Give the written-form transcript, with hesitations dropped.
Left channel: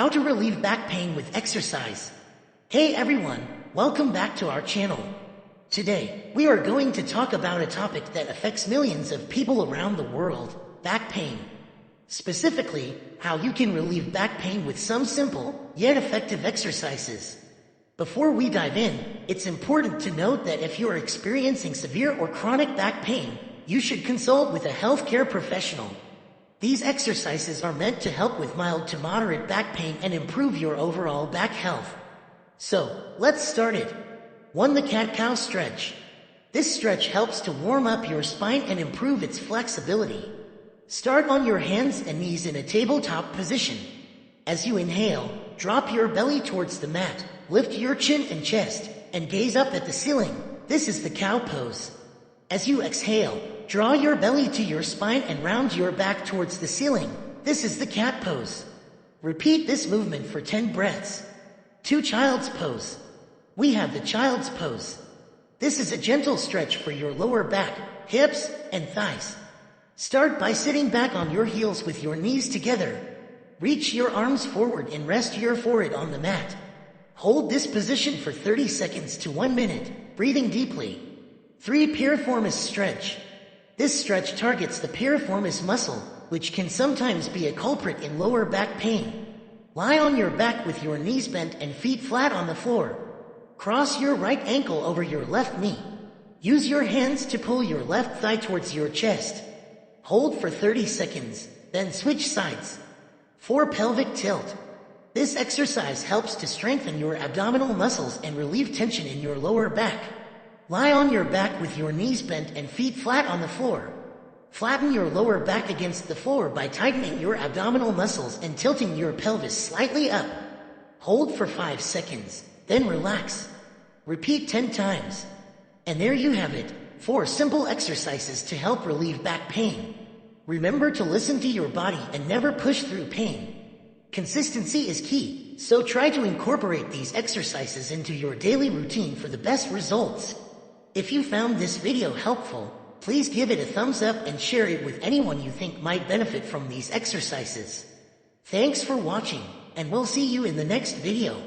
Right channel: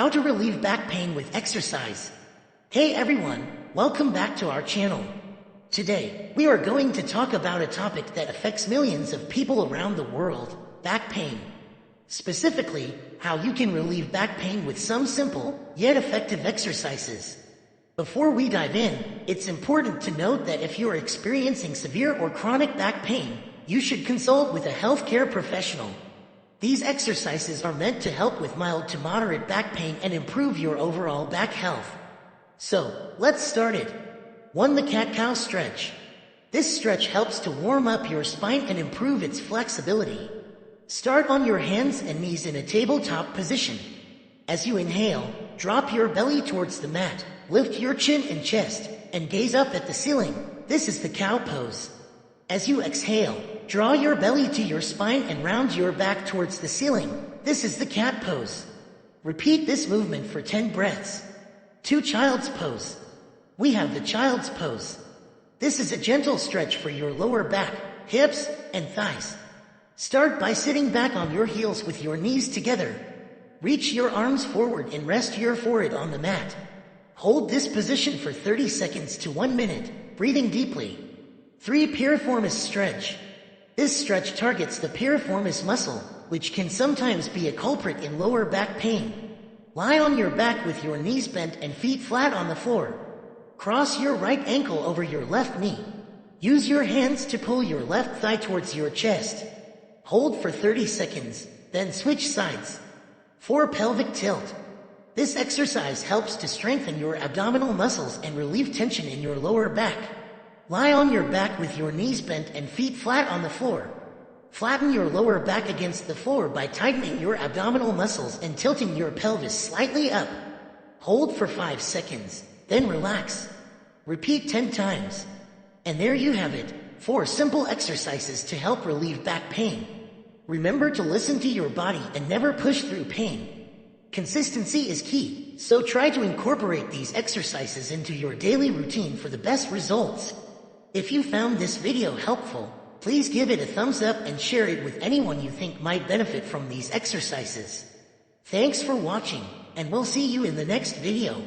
How to relieve back pain with exercise. Hey everyone, welcome back to our channel. Today, we are going to talk about a topic that affects millions of people around the world, back pain. Specifically, how you can relieve back pain with some simple, yet effective exercises. Before we dive in, it's important to note that if you are experiencing severe or chronic back pain, you should consult with a healthcare professional. These exercises are meant to help with mild to moderate back pain and improve your overall back health. So, let's start it. 1. The cat-cow stretch. This stretch helps to warm up your spine and improve its flexibility. Start on your hands and knees in a tabletop position. As you inhale, drop your belly towards the mat, lift your chin and chest, and gaze up at the ceiling. This is the cow pose. As you exhale, draw your belly to your spine and round your back towards the ceiling. This is the cat pose. Repeat this movement for 10 breaths. 2. Child's pose. We have the child's pose. This is a gentle stretch for your lower back, hips, and thighs. Start by sitting back on your heels with your knees together. Reach your arms forward and rest your forehead on the mat. Hold this position for 30 seconds to 1 minute, breathing deeply. 3. Piriformis stretch. This stretch targets the piriformis muscle, which can sometimes be a culprit in lower back pain. Lie on your back with your knees bent and feet flat on the floor. Cross your right ankle over your left knee. Use your hands to pull your left thigh towards your chest. Hold for 30 seconds, then switch sides. 4. Pelvic tilt. This exercise helps to strengthen your abdominal muscles and relieve tension in your lower back. Lie on your back with your knees bent and feet flat on the floor. Flatten your lower back against the floor by tightening your abdominal muscles and tilting your pelvis slightly up. Hold for 5 seconds, then relax. Repeat 10 times. And there you have it, 4 simple exercises to help relieve back pain. Remember to listen to your body and never push through pain. Consistency is key, so try to incorporate these exercises into your daily routine for the best results. If you found this video helpful, please give it a thumbs up and share it with anyone you think might benefit from these exercises. Thanks for watching, and we'll see you in the next video.